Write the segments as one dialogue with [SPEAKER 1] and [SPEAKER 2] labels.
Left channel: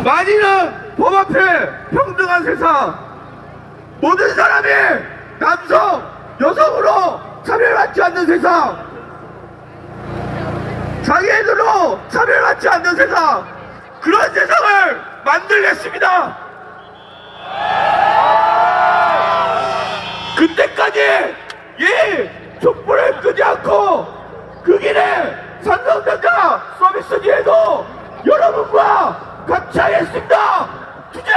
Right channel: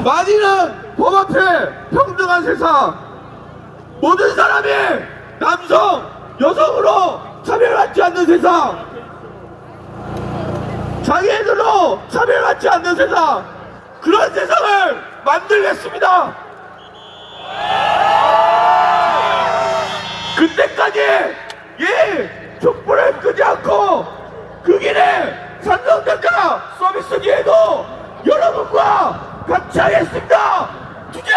[SPEAKER 1] 만인은 법 앞에 평등한 세상. 모든 사람이 남성, 여성으로 차별받지 않는 세상. 장애인으로 차별받지 않는 세상. 그런 세상을 만들겠습니다. 그때까지 이 촛불을 끄지 않고 그 길에 삼성전자 서비스기에도 여러분과 같이 하겠습니다 투쟁!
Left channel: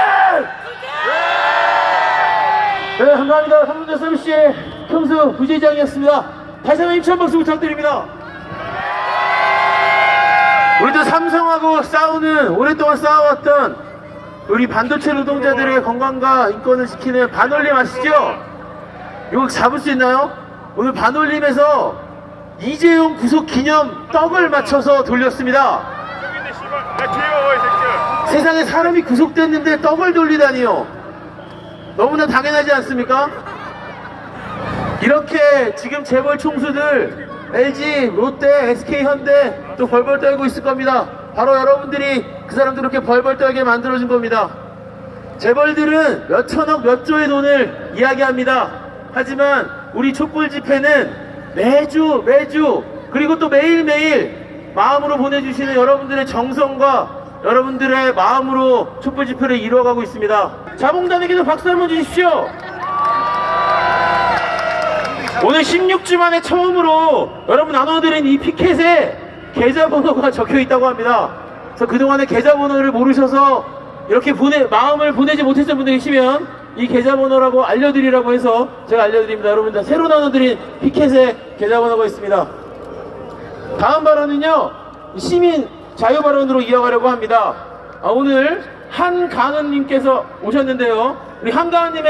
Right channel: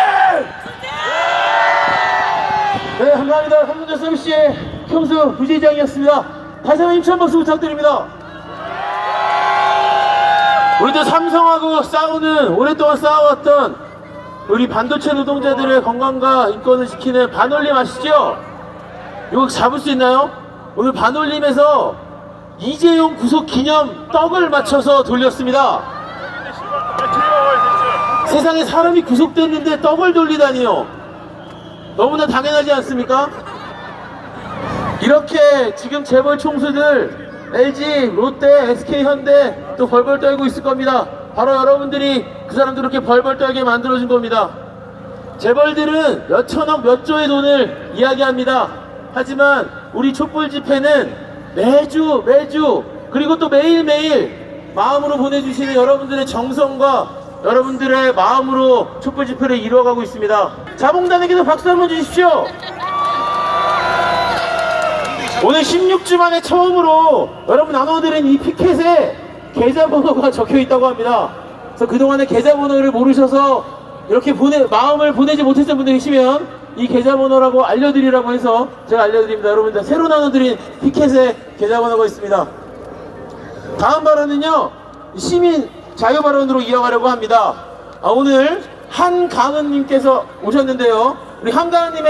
[SPEAKER 2] 네, 감사합니다. 삼문자 서비스의 평수 부지장이었습니다. 다시 한번 힘찬 박수 부탁드립니다. 우리도 삼성하고 싸우는 오랫동안 싸워왔던 우리 반도체 노동자들의 건강과 인권을 지키는 반올림 아시죠? 이거 잡을 수 있나요? 오늘 반올림에서 이재용 구속 기념 떡을 맞춰서 돌렸습니다. 세상에 사람이 구속됐는데 떡을 돌리다니요. 너무나 당연하지 않습니까? 이렇게 지금 재벌 총수들 LG, 롯데, SK 현대 또 벌벌 떨고 있을 겁니다. 바로 여러분들이 그 사람들 이렇게 벌벌 떨게 만들어준 겁니다. 재벌들은 몇 천억, 몇 조의 돈을 이야기합니다. 하지만 우리 촛불 집회는 매주, 매주, 그리고 또 매일매일 마음으로 보내주시는 여러분들의 정성과 여러분들의 마음으로 촛불 집회를 이루어가고 있습니다. 자봉단에게도 박수 한번 주십시오. 오늘 16주 만에 처음으로 여러분 나눠드린 이 피켓에 계좌번호가 적혀 있다고 합니다. 그래서 그동안에 계좌번호를 모르셔서 이렇게 보내, 마음을 보내지 못했던 분들 계시면 이 계좌번호라고 알려드리라고 해서 제가 알려드립니다. 여러분들 새로 나눠드린 피켓에 계좌번호가 있습니다. 다음 발언은요 시민 자유 발언으로 이어가려고 합니다. 아, 오늘 한강은님께서 오셨는데요. 우리 한강은님의